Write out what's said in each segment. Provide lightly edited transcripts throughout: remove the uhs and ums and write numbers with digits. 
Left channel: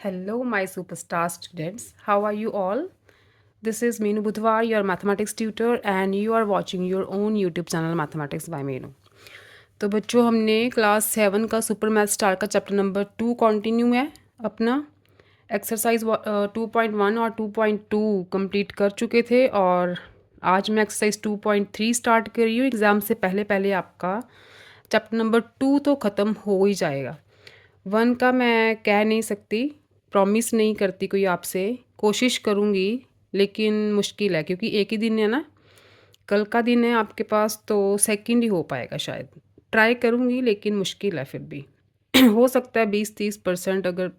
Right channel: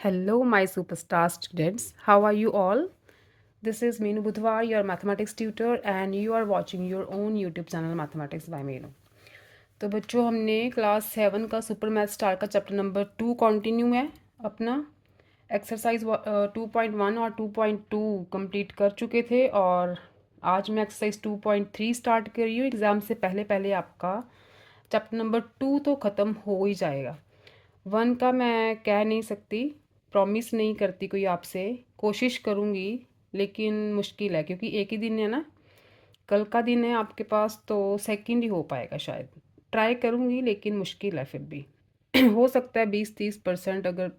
Hello, my superstar students. How are you all? This is Meenu Budhwar, your mathematics tutor, and you are watching your own YouTube channel Mathematics by Meenu. तो बच्चों हमने class 7 का super math star का chapter number 2 continue है अपना exercise 2.1 और 2.2 complete कर चुके थे और आज मैं एक्सरसाइज 2.3 स्टार्ट कर रही हूँ। एग्ज़ाम से पहले पहले आपका चैप्टर नंबर 2 तो ख़त्म हो ही जाएगा। 1 का मैं कह नहीं सकती, प्रॉमिस नहीं करती कोई आपसे, कोशिश करूँगी लेकिन मुश्किल है क्योंकि एक ही दिन है ना, कल का दिन है आपके पास तो सेकंड ही हो पाएगा शायद। ट्राई करूँगी लेकिन मुश्किल है फिर भी हो सकता है 20-30% अगर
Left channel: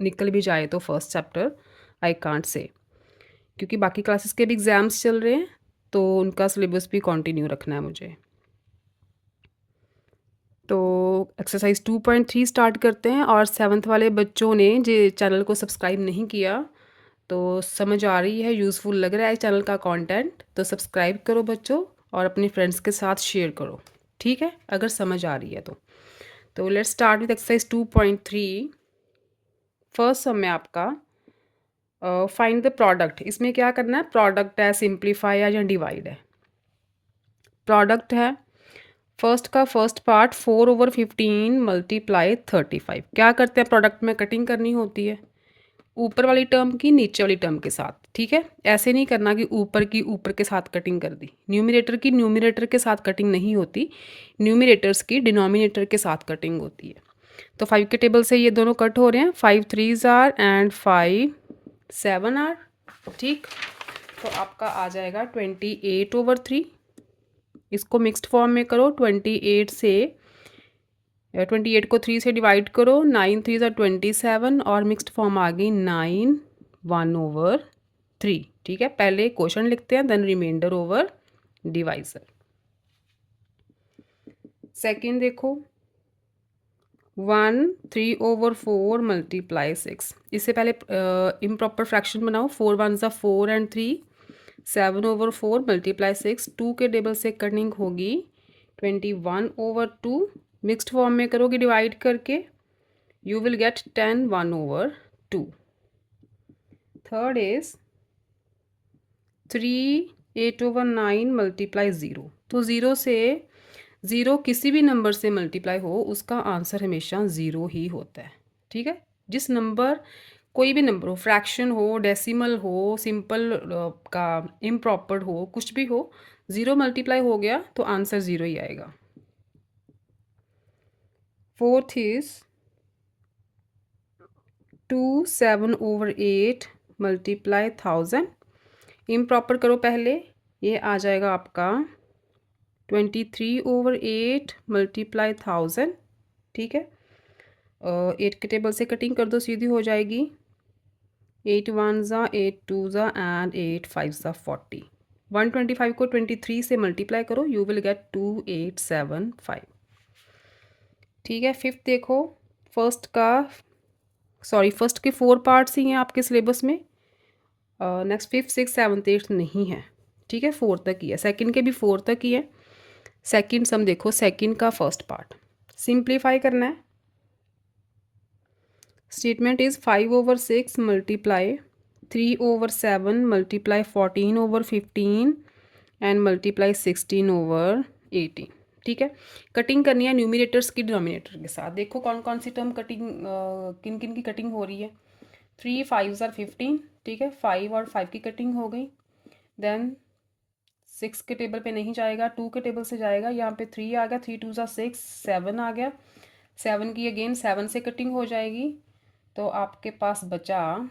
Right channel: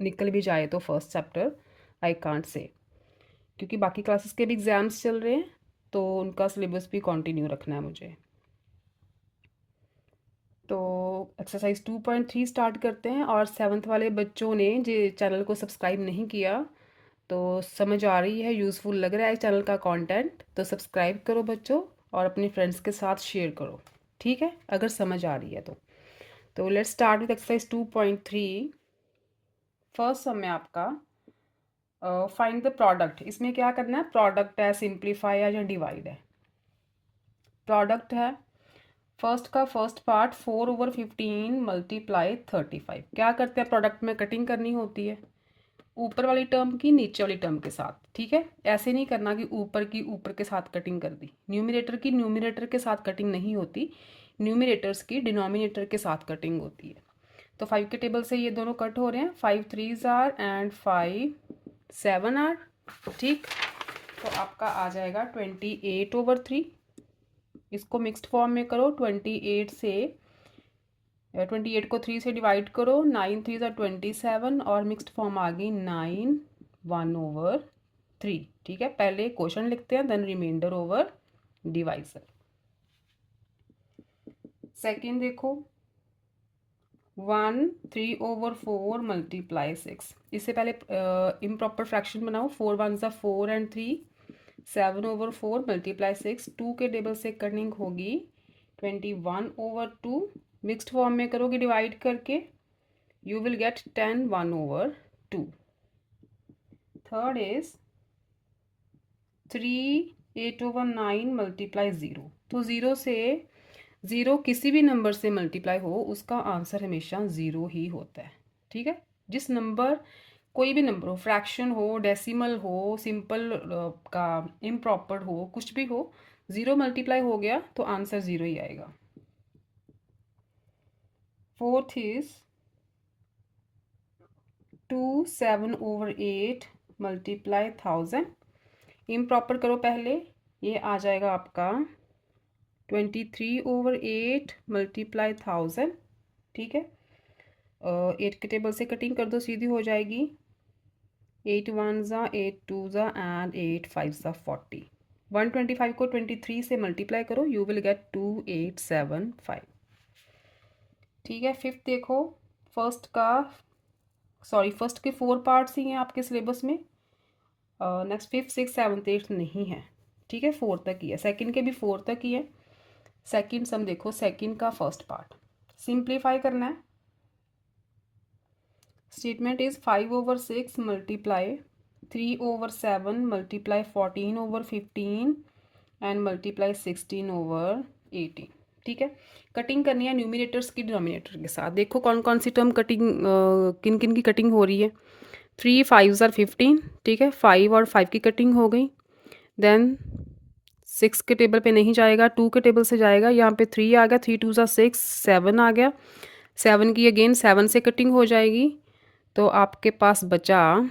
निकल भी जाए तो first chapter, I can't say, क्योंकि बाकी क्लासेस के भी एग्ज़ाम्स चल रहे हैं तो उनका सिलेबस भी कंटिन्यू रखना है मुझे। तो एक्सरसाइज 2.3 स्टार्ट करते हैं और 7th वाले बच्चों ने जो चैनल को सब्सक्राइब नहीं किया तो समझ आ रही है, यूज़फुल लग रहा है चैनल का कंटेंट, तो सब्सक्राइब करो बच्चों और अपने फ्रेंड्स के साथ शेयर करो, ठीक है, अगर समझ आ रही है तो let's start with exercise 2.3। First sum में आपका फाइंड द प्रोडक्ट। इसमें क्या करना है, प्रोडक्ट है, सिंप्लीफाई है या डिवाइड है। प्रोडक्ट है, फर्स्ट का फर्स्ट पार्ट 4/15 मल्टीप्लाई 35। क्या करते हैं, प्रोडक्ट में कटिंग करनी होती है ऊपर वाली टर्म की नीचे वाली टर्म के साथ, ठीक है। ऐसे नहीं करना कि ऊपर की ऊपर के साथ कटिंग कर दी, न्यूमिनेटर की न्यूमिनेटर के साथ कटिंग नहीं होती, न्यूमिनेटर्स की डिनोमिनेटर के साथ कटिंग होती है। तो 5 के टेबल से ये दोनों कट हो रहे हैं, 5 3s आर एंड 5 7 आर, ठीक। तो आपका आ जाएगा 28/3। इसको मिक्स्ड फॉर्म में करो, 28 से 28 को 3 से डिवाइड करो, 9 3 27 और मिक्स्ड फॉर्म आ गई 9 1/3, ठीक है। पहले क्वेश्चन लिखते हैं then remainder over divisor. Second देखो, 1 3/4 मल्टीप्लाई 6। इससे पहले इम्प्रॉपर फ्रैक्शन बनाओ, 4 1s 4 एंड 3, 7/4 मल्टीप्लाई 6। 2 के टेबल से कटिंग होगी 21/2, मिक्स्ड फॉर्म में करोगे डिवाइड करके, you will get 10 1/2। Third is 3 8/9 multiply 0। तो 0 से, 0 किसी भी नंबर से मल्टीप्लाई हो उसका आंसर हमेशा 0 ही होता है, ठीक है। जिस नंबर, कोई भी नंबर हो, फ्रैक्शन हो, डेसिमल हो, सिंपल का इम्प्रॉपर हो, कुछ भी हो, 0 मल्टीप्लाई हो गया तो आंसर 0 ही आएगा। Fourth is 2 7/8 multiply 1000। इम्प्रॉपर करो पहले, ये आ जाएगा आपका 23/8 मल्टीप्लाई 1000, ठीक है। 8 के टेबल से कटिंग कर दो, सीधी हो जाएगी, 8 1s 8 2s एंड 8 5s 40। 125 को 23 से मल्टीप्लाई करो, यू विल गेट 2875, ठीक है। फिफ्थ देखो, फर्स्ट का, सॉरी फर्स्ट के 4 पार्ट्स ही हैं आपके सिलेबस में, next 5th 6th 7th 8th नहीं है, ठीक है, 4 तक ही है। सेकंड के भी 4 तक ही है। सेकंड सम देखो, सेकंड का फर्स्ट पार्ट सिंप्लीफाई करना है। Statement is 5/6 multiply 3/7 multiply 14/15 and multiply 16/18, ठीक है। कटिंग करनी है न्यूमिनेटर्स की डिनोमिनेटर के साथ। देखो कौन कौन सी टर्म कटिंग, किन किन की कटिंग हो रही है। 3 5s 15, ठीक है, 5 और 5 की कटिंग हो गई। देन 6 के टेबल पे नहीं जाएगा, 2 के टेबल से जाएगा, यहाँ पे 3 आ गया, 3 2s 6 7 आ गया, 7 की अगेन 7 से कटिंग हो जाएगी तो आपके पास बचा,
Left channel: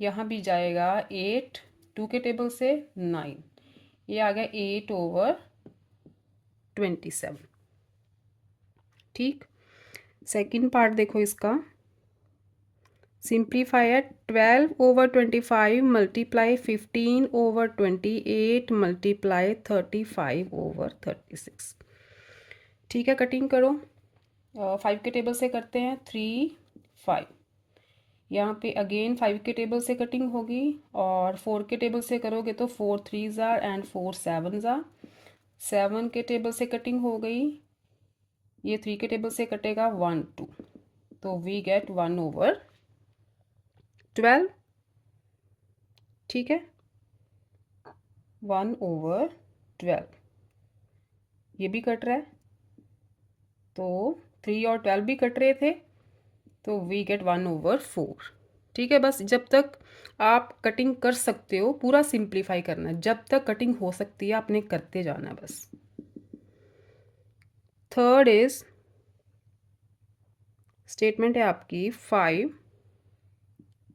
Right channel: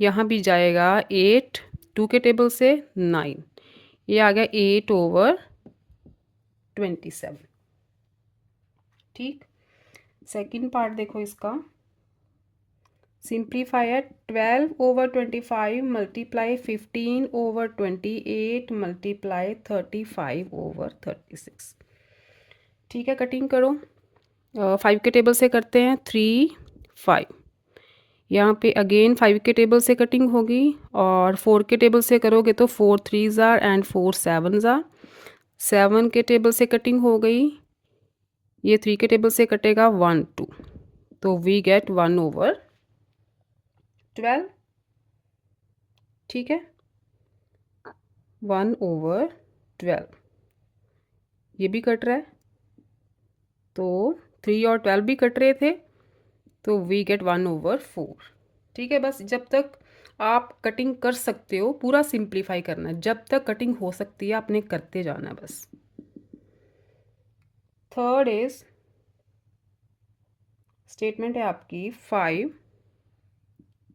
यहाँ भी जाएगा 8, 2 के टेबल से 9, ये आ गया 8/27, ठीक। सेकंड पार्ट देखो इसका, सिंप्लीफाई है, 12/25 मल्टीप्लाई 15/28 मल्टीप्लाई 35/36, ठीक है। कटिंग करो, 5 के टेबल से करते हैं, 3 5, यहाँ पे अगेन 5 के टेबल से कटिंग होगी और 4 के टेबल से करोगे तो 4 3s are and 4 7s are. 7 के टेबल से कटिंग हो गई, ये 3 के टेबल से कटेगा 1 2, तो वी गेट 1/2। 12, ठीक है, 1/12 ये भी कट रहा है, तो 3 और 12 भी कट रहे थे, तो वी गेट 1/4। ठीक है, बस जब तक आप कटिंग कर सकते हो पूरा सिंप्लीफाई करना है, जब तक कटिंग हो सकती है आपने करते जाना है बस। थर्ड इज स्टेटमेंट है आपकी 5,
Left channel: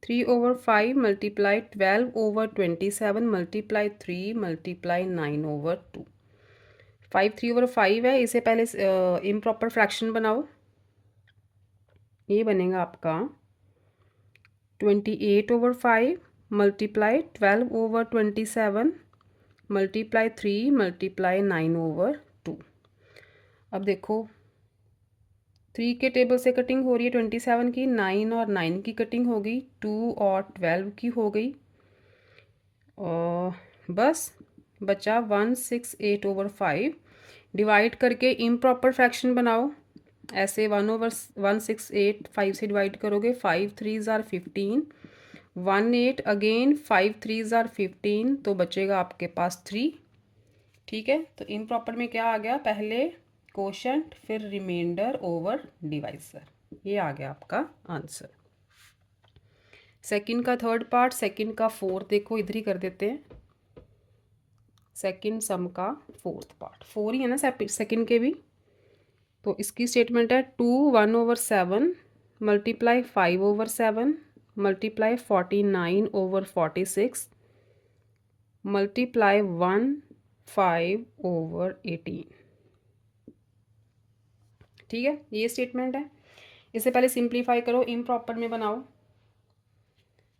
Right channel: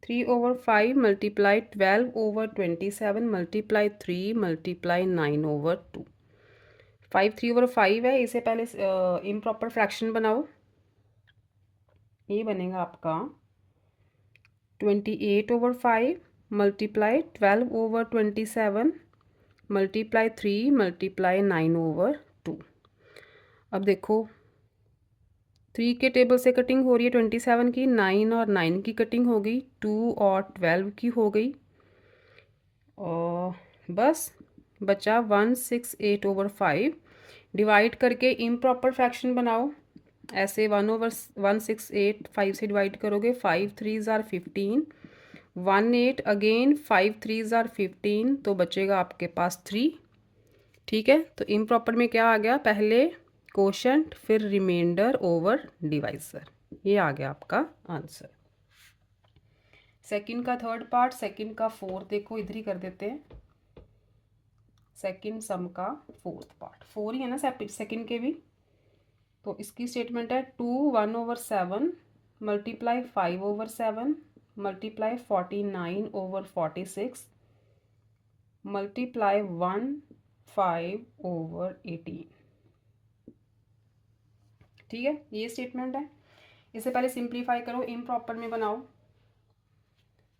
3/5 मल्टीप्लाई 12/27 मल्टीप्लाई 3 मल्टीप्लाई 9/2। 5 3/5 है, इसे पहले इम्प्रॉपर फ्रैक्शन बनाओ। ये बनेगा आपका 28/5 मल्टीप्लाई 12/27 मल्टीप्लाई 3 मल्टीप्लाई 9/2। अब देखो 3 के टेबल से कटिंग हो रही है 27 की, 9 और 9 की कटिंग हो गई, 2 और 12 की हो गई, और बस बचा 168/5। डिवाइड करके इम्प्रॉपर फ्रैक्शन बनाओ, ऐसे 1/168 5 से डिवाइड करोगे, 5 3s are 15, 18 again 5 3s are 15, तो बचेगा आपके पास 3। ठीक है, तो इम्प्रॉपर में क्या आ गया, पहले कोशेंट फिर रिमाइंडर ओवर डिवाइजर, ये आ गया आपका आंसर। सेकंड का थर्ड पार्ट, सेकंड का फोर्थ, देखो इधर ही कर देते हैं। सेकंड सम का फोर्थ पार्ट 4 ही है ना सेकंड के भी, तो इसकी स्टेटमेंट है 2 1/7 मल्टीप्लाई 5/7 मल्टीप्लाई 49/46 मल्टीप्लाई 1 5/18। ठीक है, ये स्टेटमेंट है। इसे पहले सिंप्लीफाई करो, इम्प्रॉपर में बनाओ,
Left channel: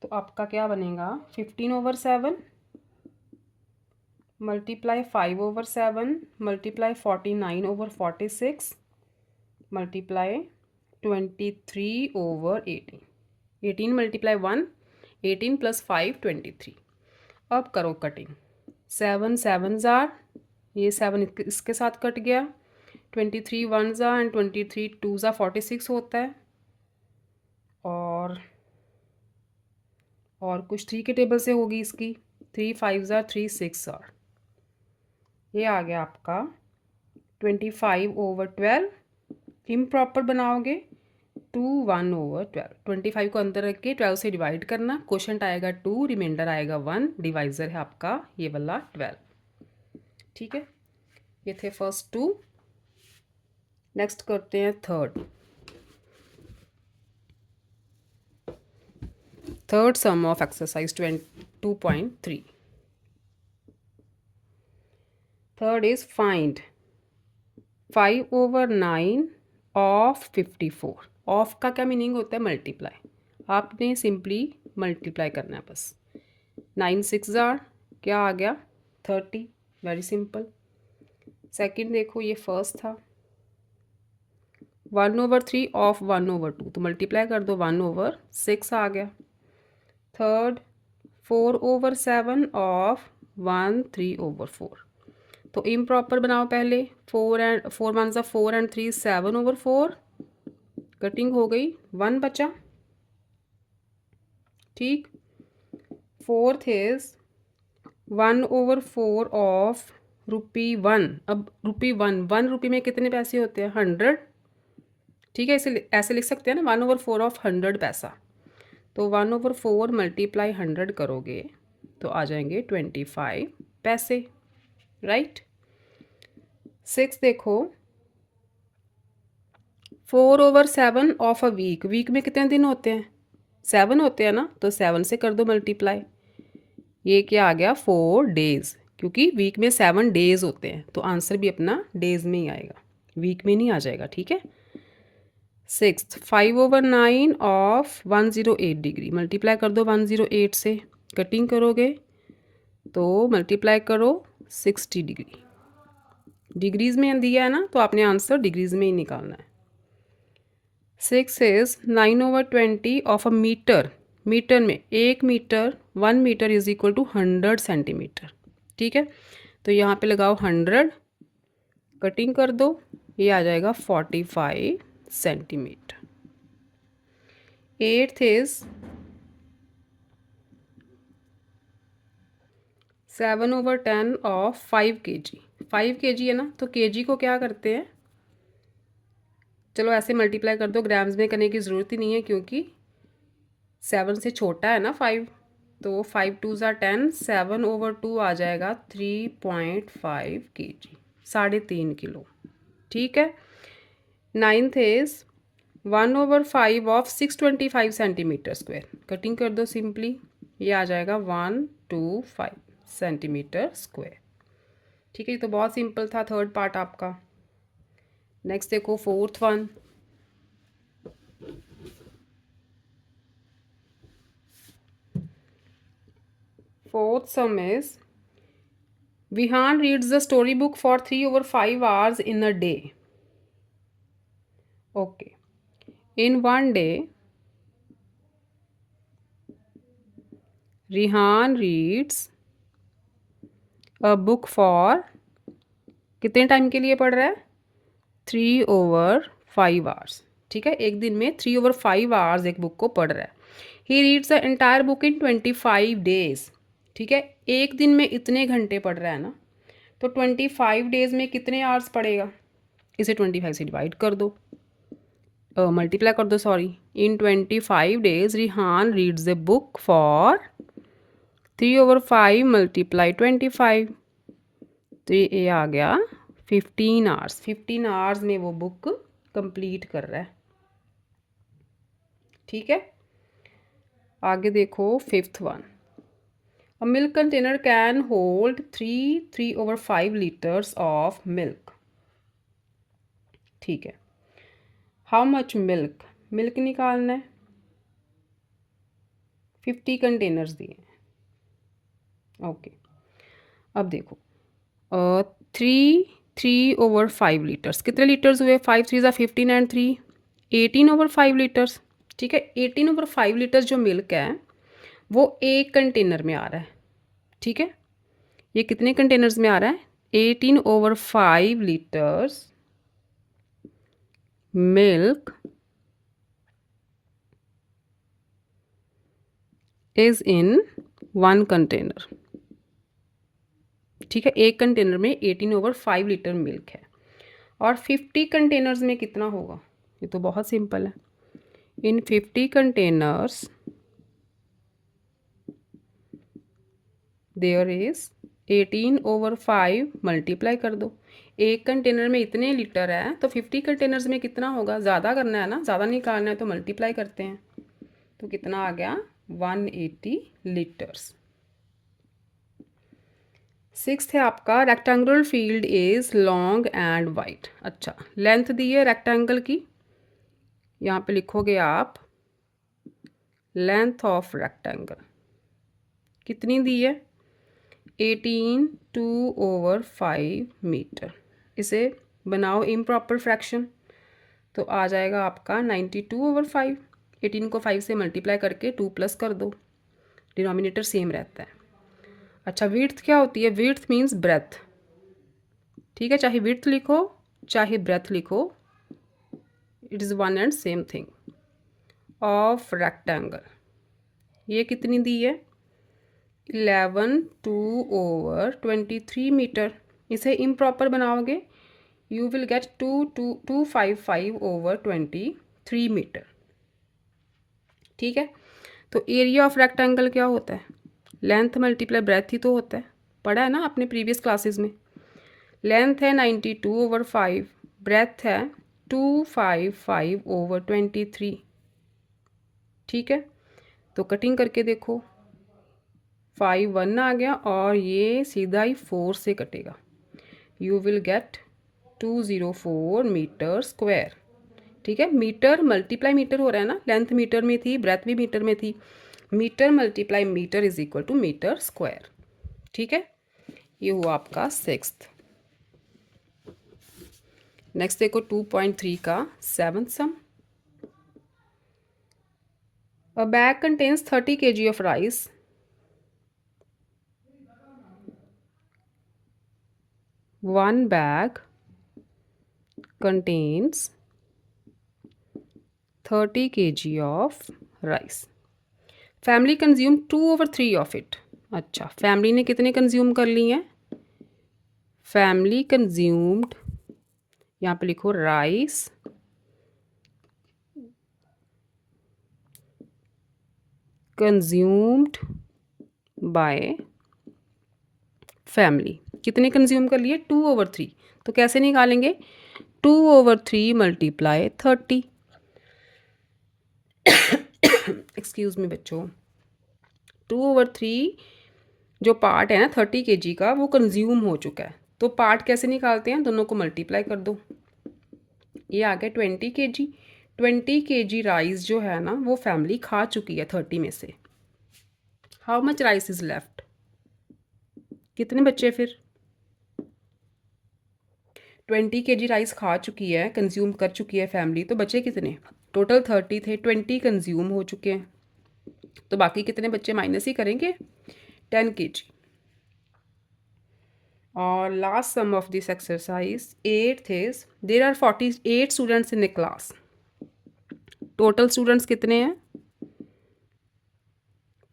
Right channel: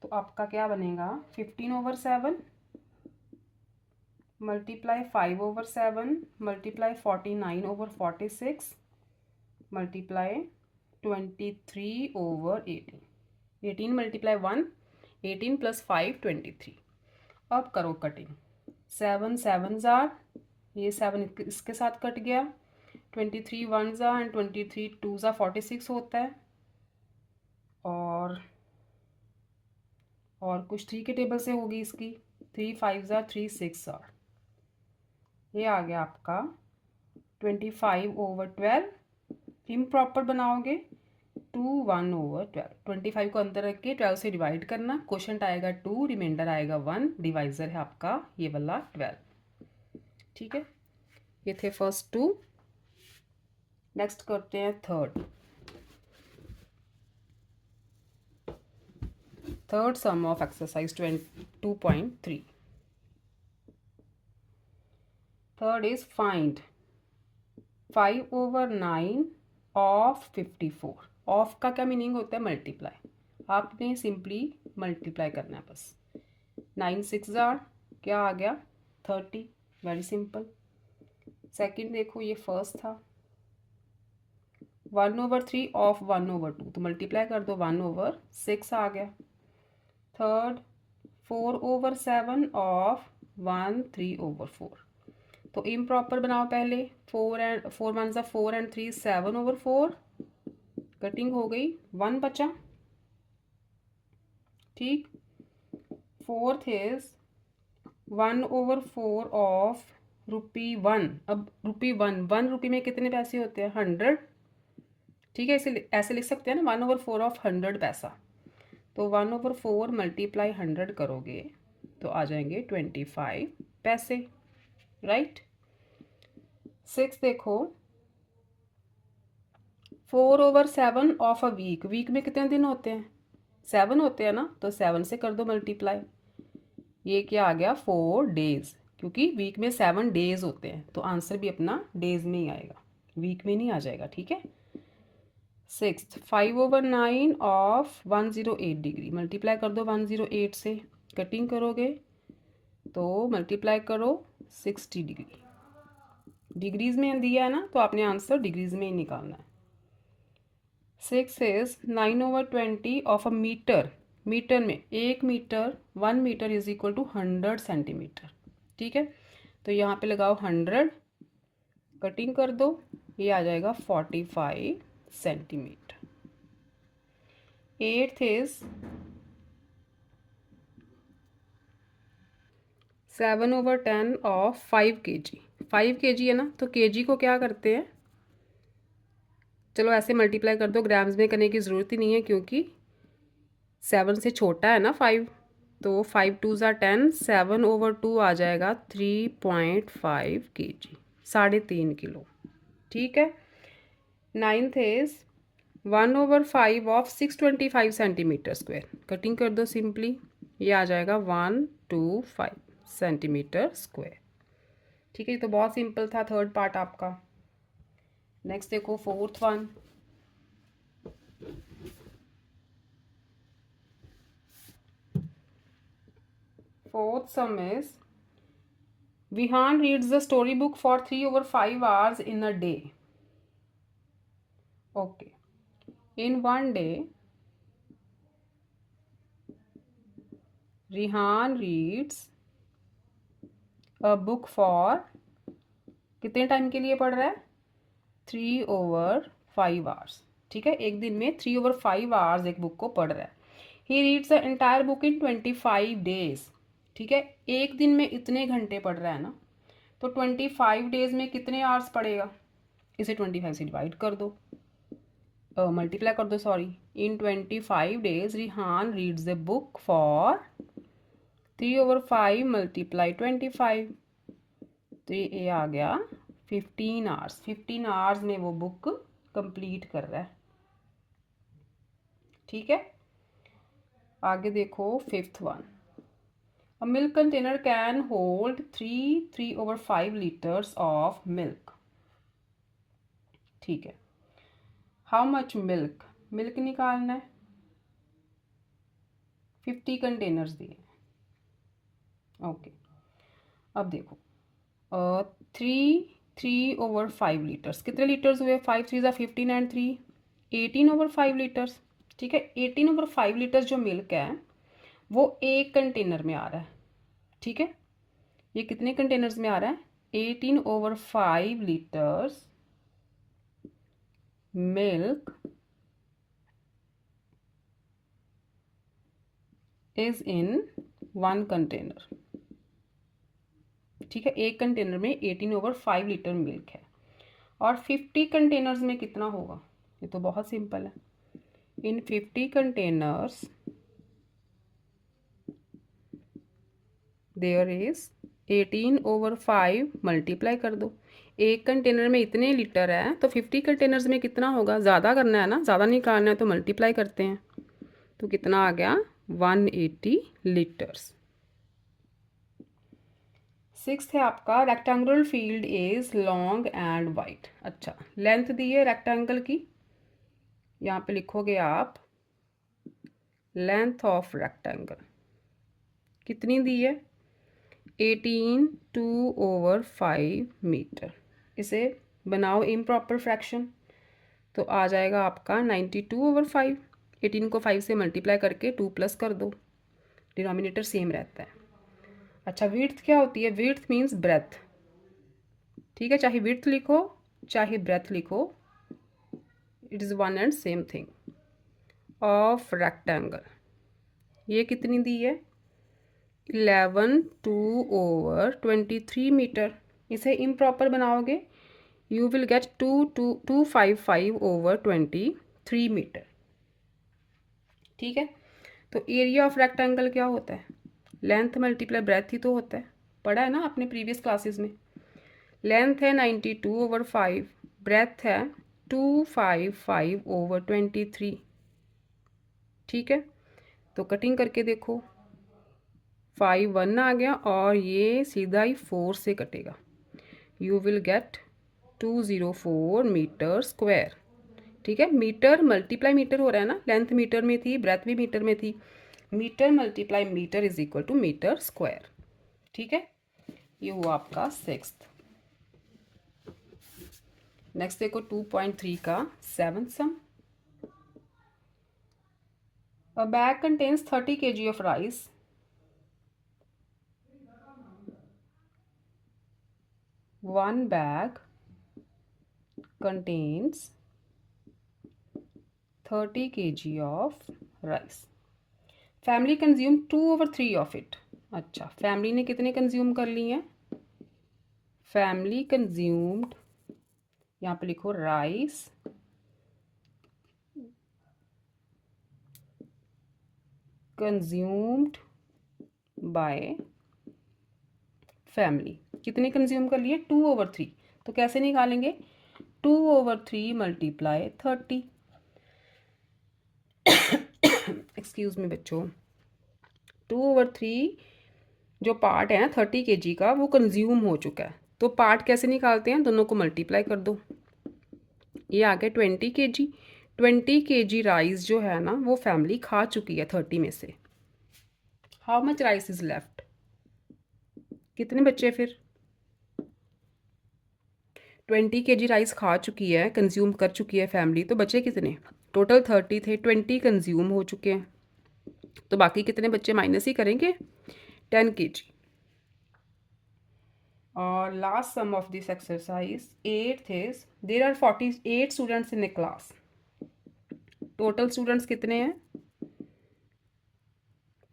तो आपका क्या बनेगा 15/7 multiply 5/7 multiply 49/46 multiply 23/18। 18 multiply 1 18 plus 5 23। अब करो कटिंग, 7 7 जार, ये 7 इसके साथ कट गया, 23 1 ज़ा एंड 23 2 ज़ा 46 होता है, और कुछ 3 के टेबल से होगी इसकी, 3 5 ज़ा 3 6 ज़ार, ये आ गया आपका 25/12। इम्प्रॉपर बनाओगे 2 1/12, 25 को अंदर रख के 12 से डिवाइड करना, क्वोशंट आएगा 2, रिमाइंडर आएगा 1, डिवाइजर है आपका ये वाला 12। ठीक है, ये थे फर्स्ट 2। नेक्स्ट करते हैं third some of exercise 2.3। Third is find 5/9 of 54। Of का क्या मीनिंग होता है, मल्टीप्लाई, आपने सिंपली मल्टीप्लाई करना है बस। 9 6 ज़ार क्या आ गया 30, वेरी सिंपल। सेकंड देखो, ये फर्स्ट था 1/3 ऑफ 1/2, तो मल्टीप्लाई कर दो, 1/6 आ गया। थर्ड 4/7 ऑफ 1 3/4, तो इम्प्रॉपर बनाओ पहले, 4 1 ज़ा 4 एंड 3 7/4, कटिंग हो गई, 1 बचा। ठीक, फोर्थ इज 1/4 ऑफ ₹1। अब ₹1 में कितने पैसे होते हैं, 100। ठीक है, इसे ऐसे लिख सकते हैं ना, 1/4 ऑफ 100 पैसा, तो 1/4 मल्टीप्लाई 100 करोगे तो आ जाएंगे 25 पैसे, राइट। 6 देखो 4/7 ऑफ अ वीक, वीक में कितने दिन होते हैं, 7 होते हैं ना, तो 7 से कर दो मल्टीप्लाई, ये क्या आ गया 4 डेज, क्योंकि वीक में 7 डेज होते हैं, तो आंसर भी अपना डेज में ही आएगा, वीक में नहीं आ जाएगा। ठीक है, 6 5/9 ऑफ 108 डिग्री, मल्टीप्लाई कर दो 108 से, कटिंग करोगे तो मल्टीप्लाई करो 60 डिग्री, डिग्रीज में दिया है ना, तो आपने आंसर डिग्रीज में ही निकालना है। 6 is 9/20 of a metre, metre में 1 metre 1 metre is equal to 100 centimetre. ठीक है, तो यहाँ पे लगाओ 100, कटिंग कर दो, ये आ जाएगा 45 centimetre. 8th is 7/10 of 5 kg। 5 kg है ना, तो kg को क्या करते हैं, चलो ऐसे मल्टीप्लाई कर दो, ग्राम्स में करने की ज़रूरत ही नहीं है क्योंकि 7 से छोटा है ना 5। तो 5 2 10, 7/2 आ जाएगा 3.5 kg, 3.5 किलो। ठीक है। 9th is 1/5 of 625 cm²। Cutting कर दो सिंपली, ये आ जाएगा 125 cm²। ठीक है, ये तो बहुत सिंपल था थर्ड पार्ट आपका। नेक्स्ट देखो fourth one. Fourth some is Vihan reads the storybook for 3/5 hours in a day. Okay. In one day, Rihan reads a book for कितने टाइम के लिए पढ़ रहा है, 3/5 hours। ठीक है, एक दिन में 3/5 hours एक बुक को पढ़ रहा है। He reads the entire book in 25 days। ठीक है, एक दिन में इतने घंटे पढ़ रहा है ना, तो 25 days में कितने आवर्स पढ़ेगा, इसे 25 से डिवाइड कर दो, मल्टीप्लाई कर दो sorry. In 25 days Rihan reads the book for 3/5 multiply 25, तो ये आ गया 15 आवर्स। 15 आवर्स में वो बुक कंप्लीट कर रहा है। ठीक है, आगे देखो fifth one. A milk container can hold 3/5 litres of milk. ठीक है, हाउ मच मिल्क, मिल्क निकालना है, 50 कंटेनर्स दिए। ओके, अब देखो 3/5 लीटर्स, कितने लीटर्स हुए, 5 3 ज़ा 15 एंड 3 18/5 लीटर्स। ठीक है, 18/5 लीटर्स जो मिल्क है वो एक कंटेनर में आ रहा है। ठीक है, ये कितने कंटेनर्स में आ रहा है, 18/5 litres milk is in one container. ठीक है, एक कंटेनर में 18/5 लीटर मिल्क है, और 50 कंटेनर्स में कितना होगा, ये तो बहुत सिंपल है। इन 50 कंटेनर्स देयर इज 18/5 मल्टीप्लाई कर दो। एक कंटेनर में इतने लीटर है तो 50 कंटेनर्स में कितना होगा, ज़्यादा करना है ना, ज़्यादा निकालना है तो मल्टीप्लाई करते हैं, तो कितना आ गया 180 लीटर्स। सिक्स्थ है आपका rectangular field is long and wide. अच्छा, लेंथ दी है रेक्टेंगल की, यहाँ पे लिखोगे आप लेंथ ऑफ रेक्टेंगल कितनी दी है, 18/2/5 मीटर। इसे बनाओ इम्प्रॉपर फ्रैक्शन, तो आ जाएगा आपका 92/5। 18 को 5 से मल्टीप्लाई करके 2 प्लस कर दो, डिनोमिनेटर सेम रहता है। अच्छा, विड्थ क्या होती है, विड्थ मीन्स ब्रेथ। ठीक है, चाहे विड्थ लिखो चाहे ब्रेथ लिखो, it is one and same thing. Of rectangle ये कितनी दी है, 11/2/23 मीटर। इसे इम्प्रॉपर बनाओगे यू विल गेट 255/23 मीटर। ठीक है, तो एरिया ऑफ रेक्टेंगल क्या होता है, लेंथ मल्टीप्लाई ब्रेथ ही तो होता है, पढ़ा है ना आपने प्रीवियस क्लासेस में। लेंथ है 92/5, ब्रेथ है 255/23। ठीक है, तो कटिंग करके देखो, 5 1 आ गया और ये सीधा ही 4 से कटेगा, you will get 204 metre square. ठीक है, मीटर मल्टीप्लाई मीटर हो रहा है ना, लेंथ मीटर में थी, ब्रेथ भी मीटर में थी, metre multiply metre is equal to metre square. ठीक है, ये हुआ आपका सिक्स्थ। नेक्स्ट देखो 2.3 का seventh sum. A bag contains 30 kg of rice. One bag contains 30 kg of rice. Family consumed 2/3 of it. अच्छा, फैमिली ने कितने कंज्यूम कर ली हैं? फैमिली कंज्यूम्ड, यहाँ पे लिखो राइस कंज्यूम्ड बाय फैमिली। कितने कंज्यूम कर लिए? 2/3। तो कैसे निकालेंगे? 2/3 मल्टीप्लाई 30। एक्सक्यूज़ मी बच्चों, 2/3 जो पार्ट है ना 30 kg का, वो कंज्यूम हो चुका है। तो पार्ट कैसे निकालते हैं? दोनों को मल्टीप्लाई कर दो। ये आ गया 20 kg। 20 kg राइस जो है ना वो फैमिली खा चुकी है 30 में से। How much rice is left? कितने बच्चे फिर? 20 kg राइस खा चुकी है, कंज्यूम कर चुकी है फैमिली, तो बचे कितने? टोटल 30 थे, 20 कंज्यूम हो चुके हैं, तो बाकी कितने बच्चे माइनस ही करेंगे? 10 kg। और last sum of this exercise 8th is there are 48 students in a class. Total students कितने हैं?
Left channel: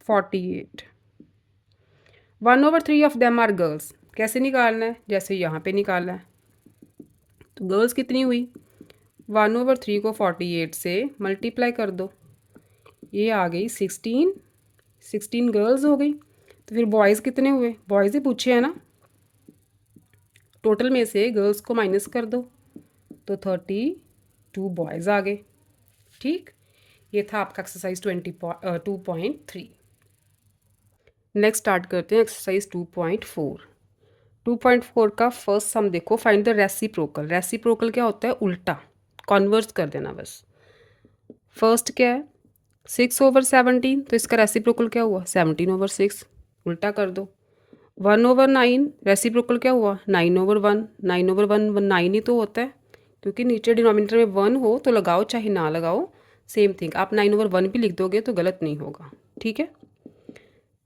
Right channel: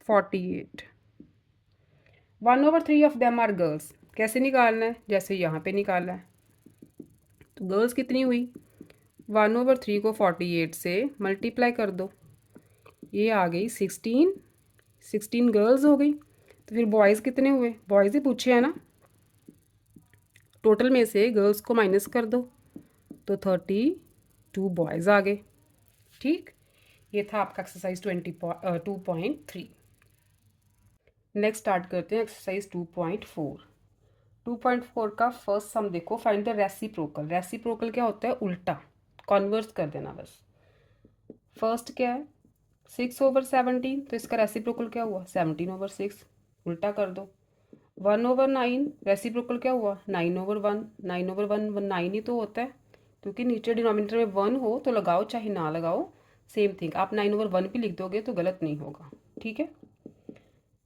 48। 1/3 ऑफ देम आर गर्ल्स। कैसे निकालना है? जैसे यहाँ पे निकालना है। तो गर्ल्स कितनी हुई? 1/3 को 48 से मल्टीप्लाई कर दो, ये आ गई 16। 16 गर्ल्स हो गई। तो फिर बॉयज़ कितने हुए? बॉयज़ ही पूछे हैं ना। टोटल में से गर्ल्स को माइनस कर दो, तो 32 बॉयज़ आ गए। ठीक, ये था आपका एक्सरसाइज 2.3। नेक्स्ट स्टार्ट करते हैं एक्सरसाइज 2.4। 2.4 का फर्स्ट सम देखो, फाइंड द रेसिप्रोकल। रेसिप्रोकल क्या होता है? उल्टा, कॉन्वर्स कर देना बस। फर्स्ट क्या है? 6/17, तो इसका रेसिप्रोकल क्या हुआ? 17/6, उल्टा कर दो। 1/9, रेसिप्रोकल क्या हुआ? 9/1। 9/1 9 ही तो होता है, क्योंकि नीचे डिनोमिनेटर में 1 हो तो लगाओ चाहे ना लगाओ सेम थिंग। आप 9/1 भी लिख दोगे तो गलत नहीं होगा। ठीक है।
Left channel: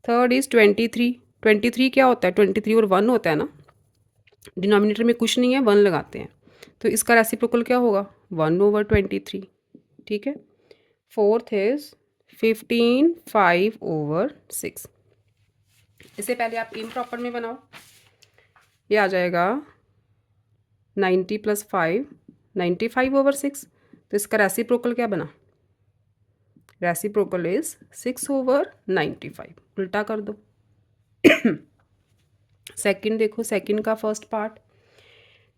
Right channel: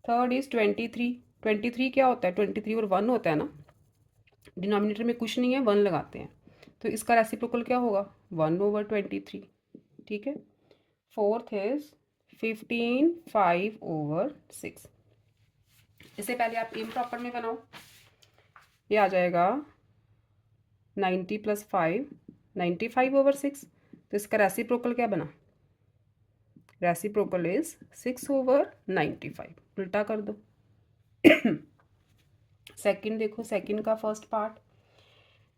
Third is 23। 23 क्या होता है? 23/1 होता है ना। डिनोमिनेटर में कुछ नहीं है, 1 लगाते हैं, तो इसका रेसिप्रोकल क्या होगा? 1/23। ठीक है। Fourth is 15 5/6। इससे पहले आप इम्प्रॉपर में बनाओ। ये आ जाएगा 90 + 5, 95/6। तो इसका रेसिप्रोकल क्या बना? Reciprocal is 6/95। उल्टा कर दो। सेकंड देखो, सेकंड का फर्स्ट पार्ट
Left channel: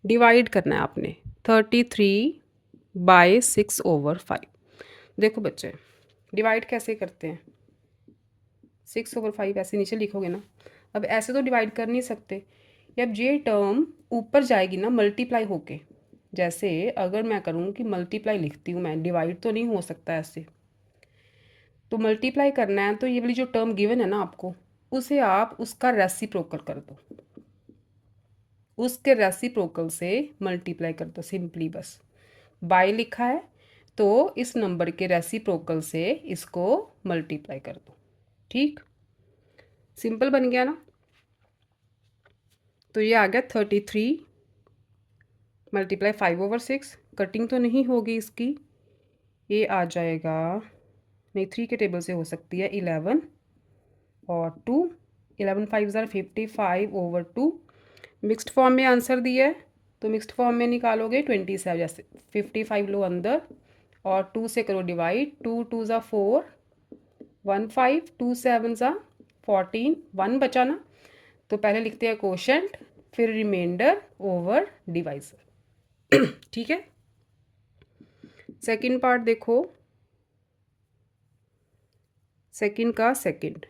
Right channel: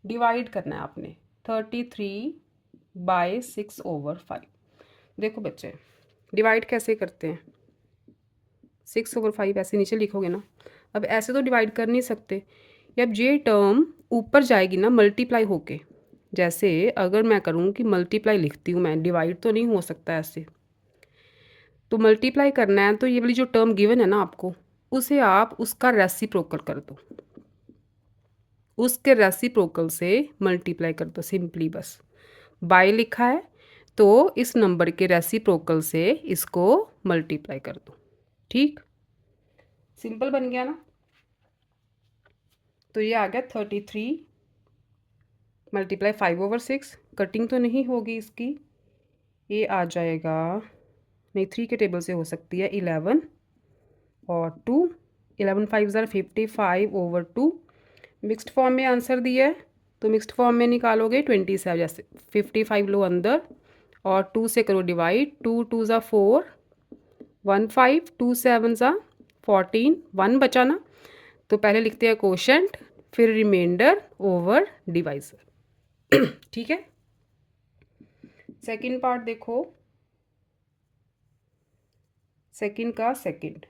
डिवाइड करना है आपने। 33/6/5। देखो बच्चे, डिवाइड कैसे करते हैं? 6/5 ऐसे नीचे लिखोगे ना। अब ऐसे तो डिवाइड कर नहीं सकते। अब ये टर्म ऊपर जाएगी ना मल्टीप्लाई होके। जैसे अगर मैं करूँ कि मल्टीप्लाई लिखती हूँ मैं, डिवाइड तो नहीं हो सकता ऐसे। तो मल्टीप्लाई करना है तो ये वाली जो टर्म गिवन है ना आपको, उसे आप उसका रेसिप्रोकल कर दो। उसके रेसिप्रोकल से मल्टीप्लाई कर दो सिंपली बस। बाय लिखा है तो इस नंबर के रेसिप्रोकल से इसको मल्टीप्लाई कर दो। ठीक, सिंपल बन गया ना। तो ये आ गया 33 × 5/6। कटिंग तो नहीं होगी इसकी, ये आ जाएगा, नहीं 3 के टेबल से हो सकती है, 11 और 2। 11 5 55/2। मिक्स्ड फॉर्म में आंसर दिया है तो मिक्स्ड फॉर्म में निकालोगे 27। जैसे 55 लो अंदर और 2 से करो डिवाइड। 2 2 ज़ा 4, 1 5, 2 7 ज़ा 14, 1 बचा ना। तो पहले लिखते हैं कोशेंट, फिर रिमाइंडर ओवर डिवाइजर। ठीक है। सेकंड पार्ट देखो, सेकंड का सेकंड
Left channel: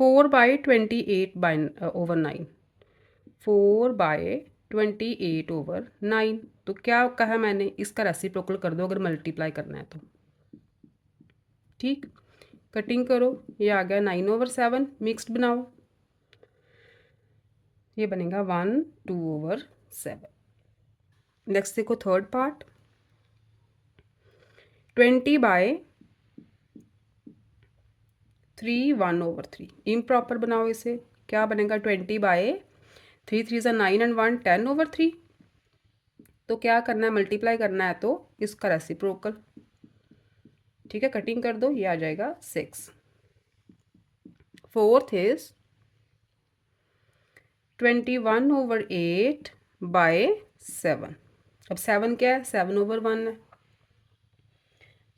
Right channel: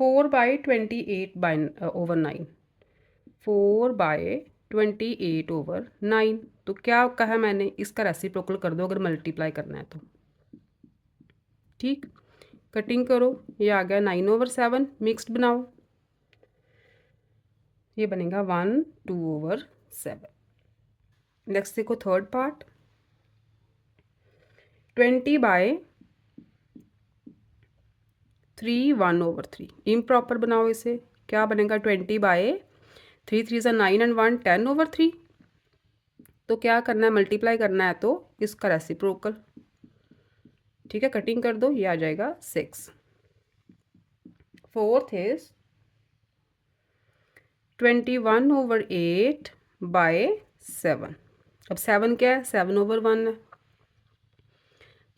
4/28/9। 4/28/9। तो क्या कहा मैंने? इसका रेसिप्रोकल कर दो अगर मल्टीप्लाई करना है तो। ठीक, कटिंग करो, ये आ गया 9/7। मिक्स्ड बनाओ, ये बनेगा 1 2/7। नेक्स्ट देखो थर्ड पार्ट 20/3 1/3। इम्प्रॉपर बनाओ इसे, क्या बनेगा? 20/3 3 ज़ा 9 एंड 1 10/3। तो क्या करना है? मल्टीप्लाई करना है तो इसका रेसिप्रोकल। ठीक है, कटिंग कर दो, ये आ जाएगा 6। Fourth is 21/8 by 7। अब 7 क्या है, 7/1 है।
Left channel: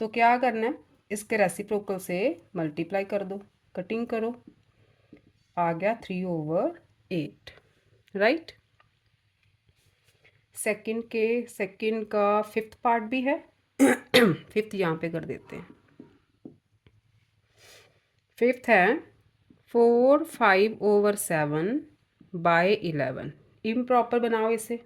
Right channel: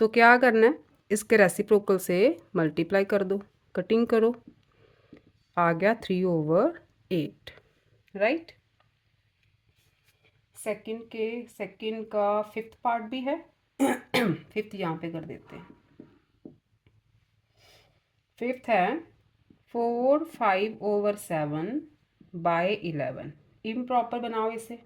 तो क्या करना है, इसके रेसिप्रोकल से मल्टीप्लाई कर दो, कटिंग करो, आ गया 3/8, राइट। सेकंड का फिफ्थ पार्ट भी है। फिफ्थ यहाँ पे कर देते हैं। फिफ्थ है 4/5/7 बाय 11। इम्प्रॉपर बनाओ इसे,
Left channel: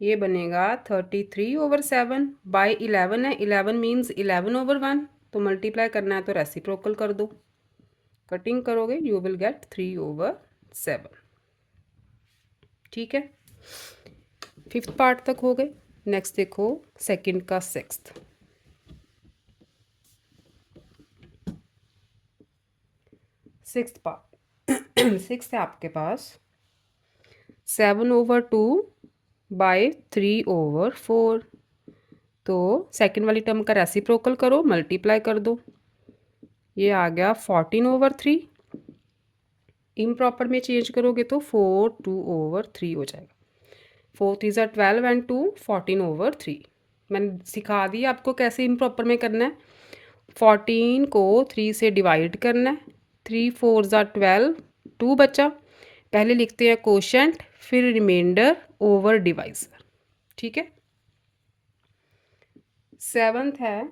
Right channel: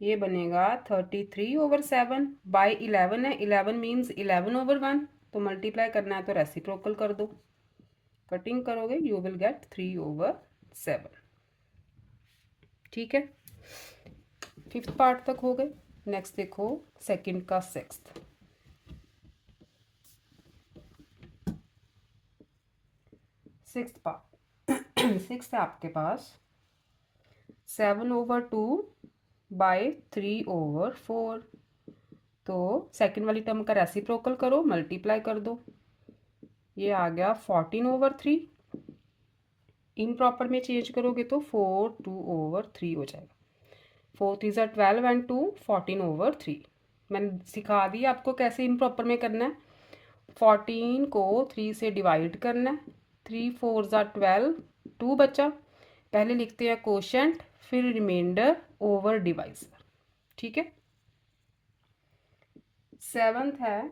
ये बनेगा 33/7 बाय 11 है। 11 मीन्स 11/1, तो मल्टीप्लाई करना है तो रेसिप्रोकल कर दो, कटिंग करोगे यू विल गेट 3/7। ठीक है, फिफ्थ पार्ट तक हो गए। नेक्स्ट देखो सेकंड का सिक्स्थ। सिक्स्थ पार्ट सिक्स्थ है आपके पास 7/2 बाय 3/4। तो सेकंड वाली टर्म का रेसिप्रोकल करो, मल्टीप्लाई कर दो, ये आ गया 14/3। इम्प्रॉपर में चेंज करोगे तो 4/2/3 हो जाएगा। 4 3 ज़ा 12 एंड 2 14/3। मैंने सिखा दिया आपको कैसे इम्प्रॉपर में करना है। 14 को 3 से डिवाइड करना है, 3 4 ज़ा 12, 2 बचा, पहले लिखते हैं कोशेंट, फिर रिमाइंडर ओवर डिवाइजर। ठीक है। सेवन्थ है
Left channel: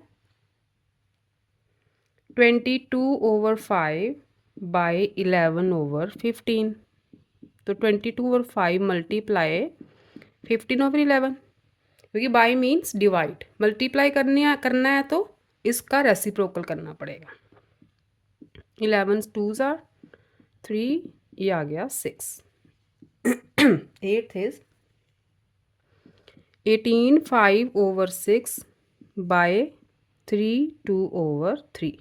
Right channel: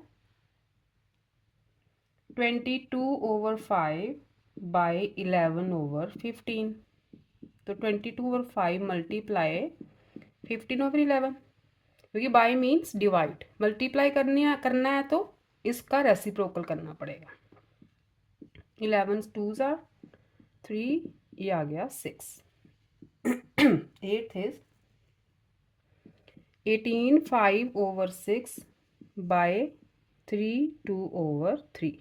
22/5 बाय 11/15। तो 22/5 मल्टीप्लाई 15/11, क्योंकि बाय मीन्स डिवाइड, मल्टीप्लाई करना है तो इसका रेसिप्रोकल करना पड़ेगा। 11 2 ज़ा 3, ये आ गया 6। Eighth is 18/5/6 bye 3/2/3।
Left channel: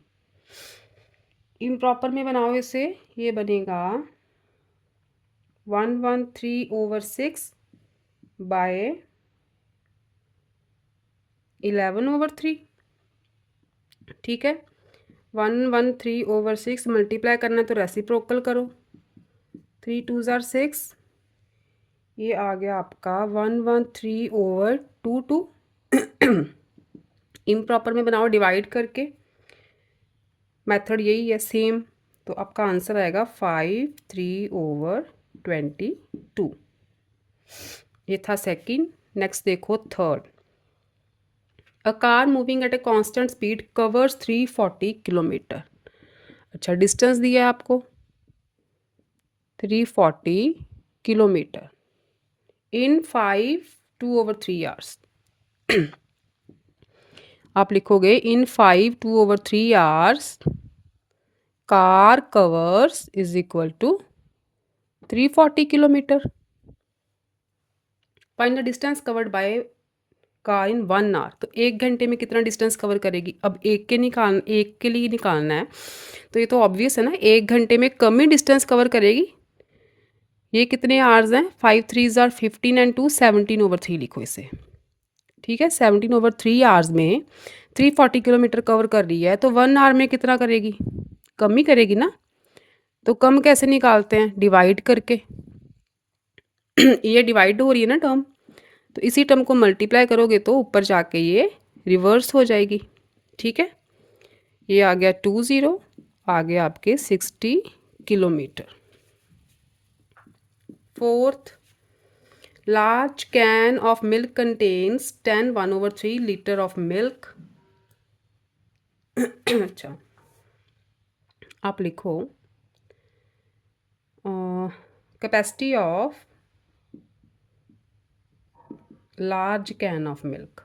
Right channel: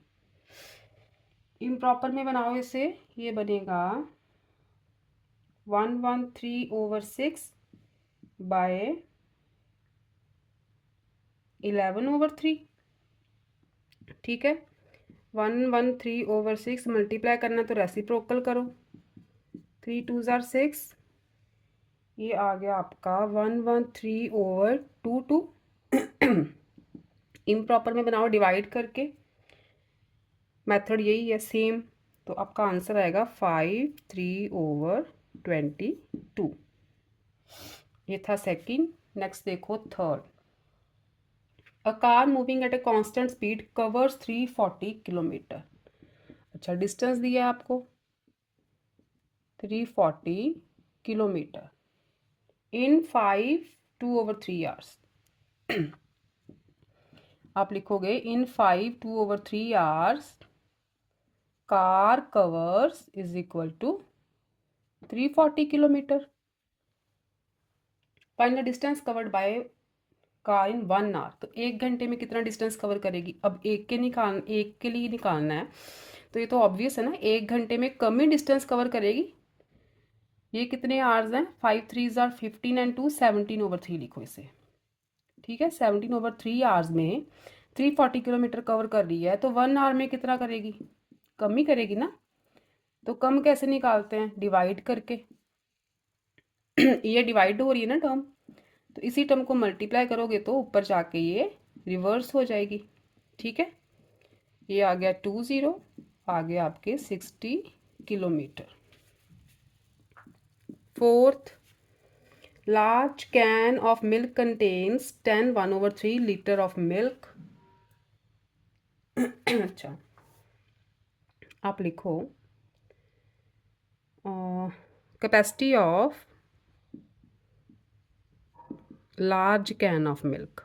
इम्प्रॉपर में बनाओ इसे, ये बनेगा 113/6 बाय 11/3। ठीक है, 113/6 मल्टीप्लाई करना है तो रेसिप्रोकल करो, 3 2 ज़ा 6, ये आ गया आपका 113/2। इम्प्रॉपर में बनाओ डिवाइड करके, मेथड यही है सेम, तो आपका आंसर आएगा 5/3/22। ये था सेकंड। नेक्स्ट देखो third. A car moving at a constant speed covers 340 kilometre. अच्छा, डिस्टेंस दिया है आपको 340 किलोमीटर इन 5/2/3 आवर्स। आप लिखोगे in 5/2/3 hours car covers is equal to 340 kilometre. Find the distance covered by car in 1 hour. तो 1 घंटे में कितना डिस्टेंस कवर करेगी। अब एक के लिए निकालना है, तो ये तो ऑब्वियस है ना, 1 घंटे में कम ही डिस्टेंस कवर करेगी। ये कितने आवर्स हैं, 5 3 ज़ा 15 एंड 2 17/3 लिखो इसे। ठीक है, 17/3 आवर्स में 340 किलोमीटर कवर कर रही है, तो 1 आवर में कितना करेगी, कम ही करेगी ना। तो कम कैसे निकालते हैं, डिवाइड करके। ये डिवाइड हो रही है ना टर्म, तो इसी टर्म को मल्टीप्लाई करोगे तो ऊपर जाके ये रिवर्स हो जाएगी। ठीक है, ये आ गया 20, आ गया आपके 60 kilometre. Fourth, large can of milk contains 10 1/3 litre of milk. अच्छा, आप लिखो capacity of large can of milk.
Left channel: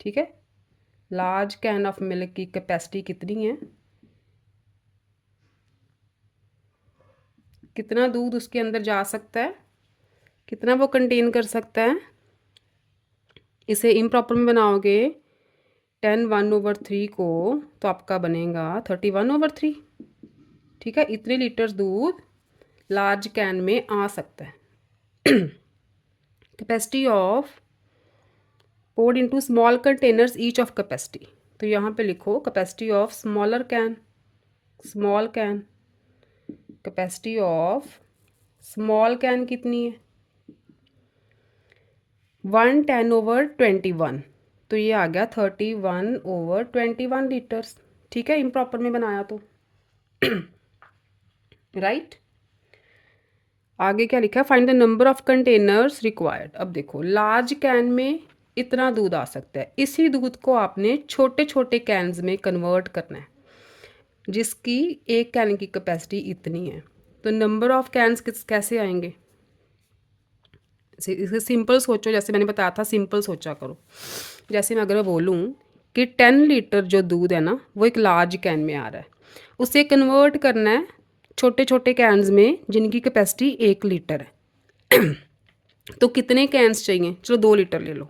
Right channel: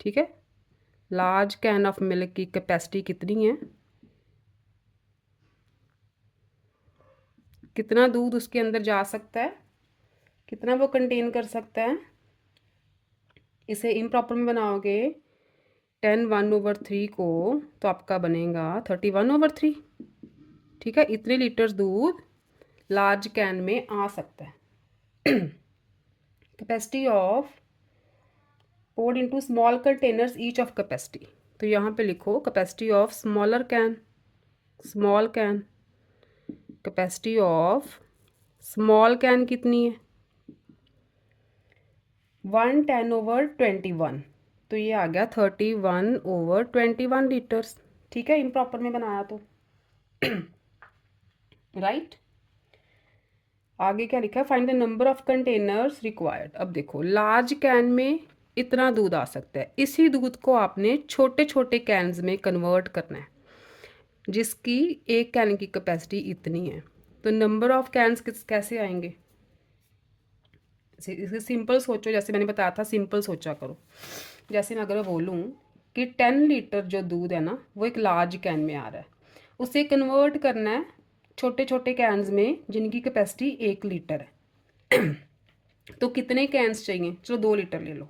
ठीक है, लार्ज कैन ऑफ मिल्क की कैपेसिटी कितनी है, कितना दूध उसके अंदर जा सकता है, कितना वो कंटेन कर सकता है। इसे इम्प्रॉपर में बनाओगे 10 1/3 को, तो आपका बनेगा 31/3। ठीक है, इतने लीटर दूध लार्ज कैन में आ सकता है। Capacity of poured into small containers each of capacity। तो यहाँ पे लिखो capacity of smaller can, small can, capacity of small can कितनी है 110/21, तो ये आ गया 31/21 लीटर्स। ठीक है, इम्प्रॉपर में बनाया तो राइट। आगे क्या लिखा है, find the number of containers required. अब देखो लार्ज कैन में इतना दूध आ सकता है, इसी दूध को आपने छोटे छोटे कैन्स में कन्वर्ट करना है जिसकी एक कैन की कैपेसिटी इतनी है। तो नंबर ऑफ कैन्स कैसे आएंगे, इसे सिंपल सोचो, जैसे मैंने बताया था सिंपल सोचा करो। जैसे मैं अगर बोलूँ कि 10 लीटर जो दूध है ना वो एक लार्ज कैन में आ रहा है, उसे कन्वर्ट करना है छोटे छोटे कैन्स में जिनकी कैपेसिटी 1 लीटर है तो कितने कैन्स चाहिए, चलो 2 लीटर ले लो।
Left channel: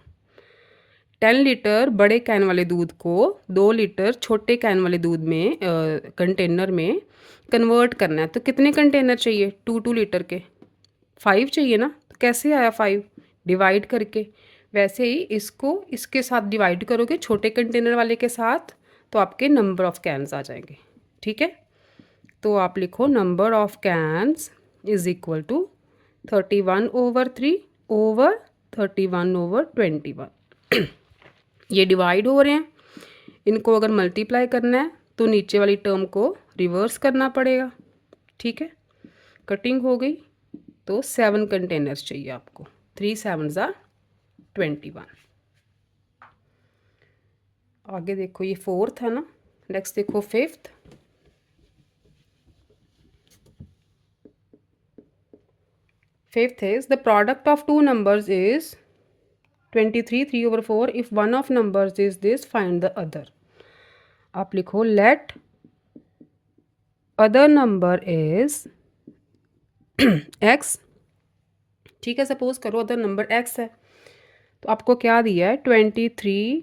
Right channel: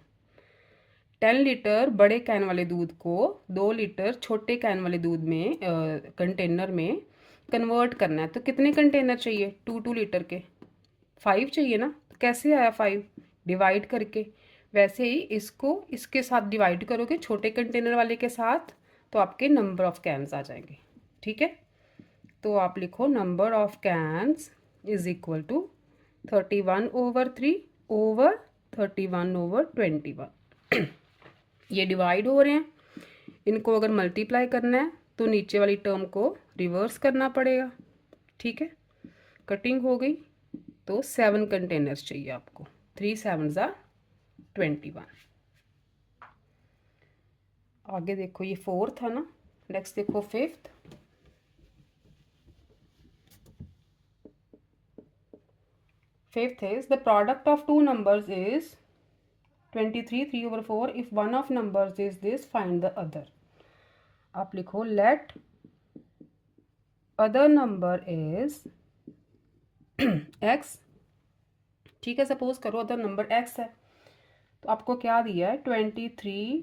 10 लीटर बड़े कैन वाले दूध को 2 लीटर छोटे कैन वाले दूध में कंटेनर में कन्वर्ट करना है, तो कितने कंटेनर चाहिए, 2 लीटर के 5 चाहिए ना। तो कैसे आया 5, डिवाइड करके। वैसे ही इसको इसके साथ डिवाइड करोगे छोटे कंटेनर वाले के साथ, तो आपके नंबर ऑफ कैन्स आ जाएंगे। ठीक है, तो आप लिखो number of cans is equal to 31/3 over 31/21। ये डिवाइड हो रहे हैं, इनको अगर मल्टीप्लाई करना है तो नीचे वाली टर्म को रिवर्स करना पड़ेगा। ठीक है, कटिंग हो गई, तो 7 कंटेनर्स चाहिए आपको, 3 7s are 21। आगे देखो ये 4th है ना, नेक्स्ट देखो 5th। 5th is the product of two numbers is 23 3/4, if one of numbers is this find the other। आप लिखो let other number is x। ठीक है, सपोज करो अदर नंबर x है, तो आपको क्या दिया है 23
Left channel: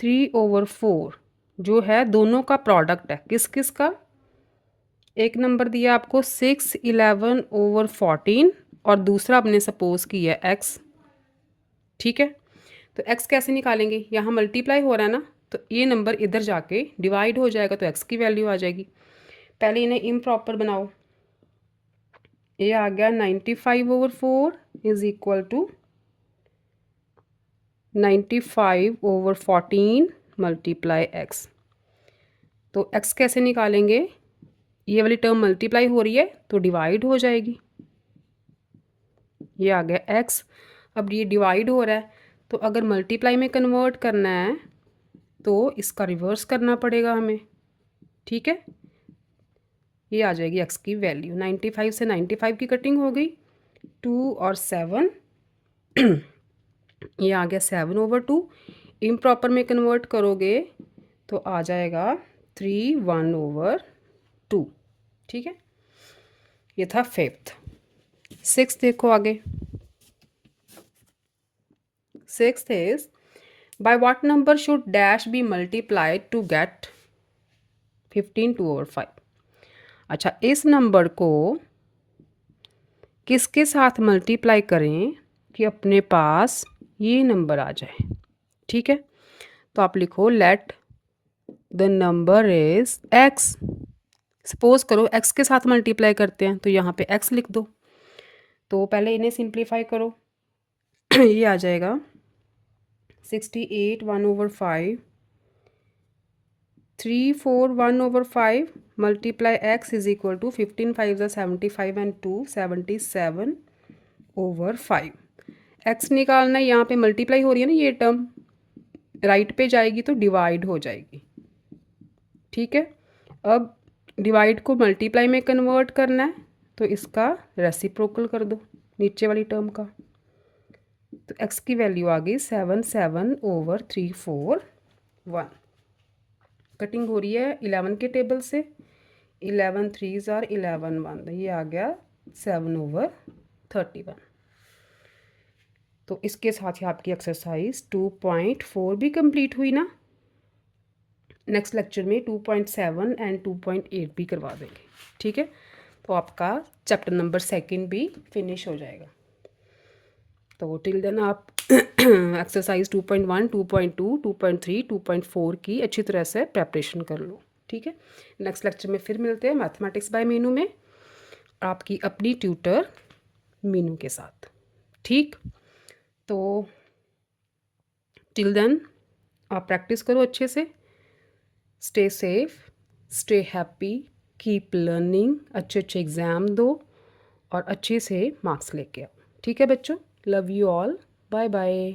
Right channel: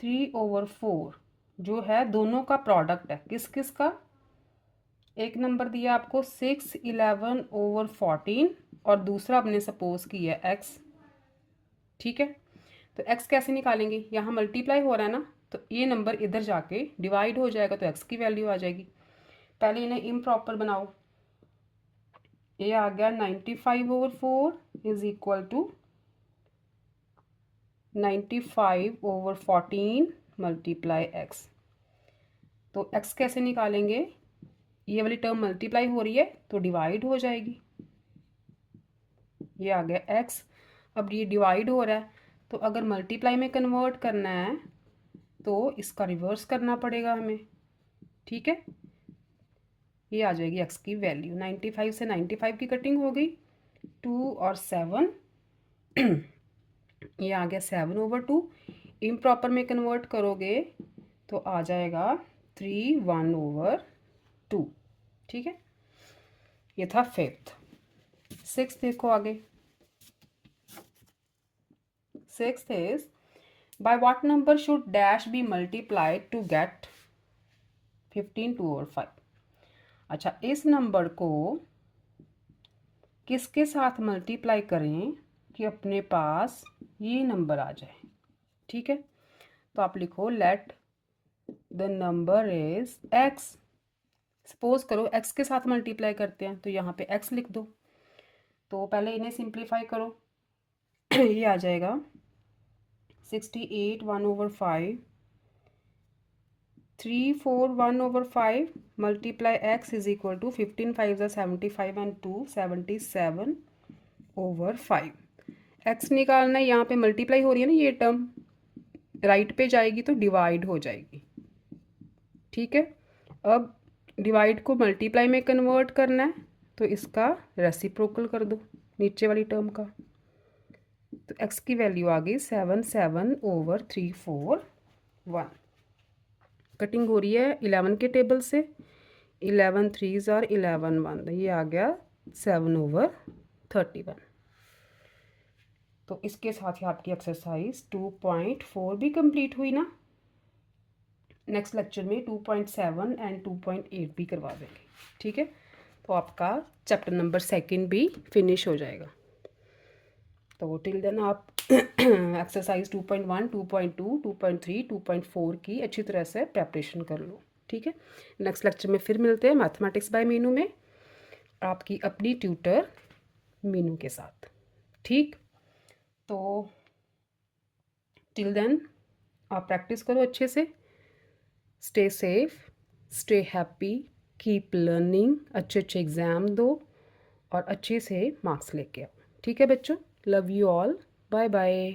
3/4 जो है दोनों का प्रोडक्ट है, किस किस का। एक नंबर दिया आपको 6 11/14 और दूसरा आपने सपोज किया x। ठीक है, तो x कैसे निकालेंगे, यहाँ मल्टीप्लाई हो रहा है ना, तो ये नंबर इधर जाके डिवाइड हो जाएगा तो x की वैल्यू आ जाएगी। पहले इन्हें इम्प्रॉपर बनाओ, ये आ गया 95/4 is equal to 95/14 multiply x। तो x कैसे निकालेंगे, ये वाली टर्म मल्टीप्लाई हो रही है तो डिवाइड हो जाएगी, ये आ गया x। अब ये डिवाइड हो रहा है, तो अगर मल्टीप्लाई में कन्वर्ट करना है तो इसका रिवर्स करना पड़ेगा हमें। ठीक है, ये आ जाएगी x की वैल्यू, 95 से 95 की कटिंग हो गई, 2 और 7 ये आ गया 7/2। इम्प्रॉपर में कन्वर्ट करोगे तो आ जाएगा 3 1/2। ठीक है, ये था 5th। 6th देखो आगे, 6th is by what number should dash be multiplied to get 15 2/5। अच्छा, इस नंबर को किसके साथ मल्टीप्लाई करें कि अपने पास ये नंबर आ जाए। ठीक है, तो आप लिखो let the number is x। Suppose करो x के साथ मल्टीप्लाई करते हैं तो यहाँ पे x लिख दो, तो पहले इन्हें सिंप्लीफाई करो ये आ जाएगा 68 1/5 3 4 1/5 multiply x is equal to 15 5 75 and 2 77/5। x निकालना है, यहाँ पे मल्टीप्लाई हो रही है ना, ये टर्म राइट पे जाएगी तो डिवाइड हो जाएगी। ठीक है, अब डिवाइड को मल्टीप्लाई में कन्वर्ट करना है तो इसका रेसिप्रोकल कर दो नीचे वाली टर्म का, तो x की वैल्यू आ गई 77/341। कटिंग हो रही है 11 के टेबल से, 11 3s are 11 1, ये आ गया 7/31। तो इसके साथ ही आपकी एक्सरसाइज 2.4 भी कंप्लीट हुई ना। नेक्स्ट लेक्चर में 2.7 एंड 2.8 भी करवा देंगे। ठीक है, तो आपका चैप्टर नंबर 2 भी फिनिश हो जाएगा। तो टिल देन आप एक्सरसाइज 2.1 2.2 2.3 2.4 की अच्छी तरह से प्रेपरेशन कर लो। ठीक है, नेक्स्ट लेक्चर में फिर मिलते हैं मैथमेटिक्स बाय मीनू में, आपकी अपनी ट्यूटर मीनू के साथ। ठीक, तो टिल देन आप प्रैक्टिस करो अच्छे से। Stay safe, stay happy, keep learning, अच्छे अच्छे एग्ज़ाम दो और अच्छे से मार्क्स लेके आओ। ठीक है बच्चों, love you all, bye bye.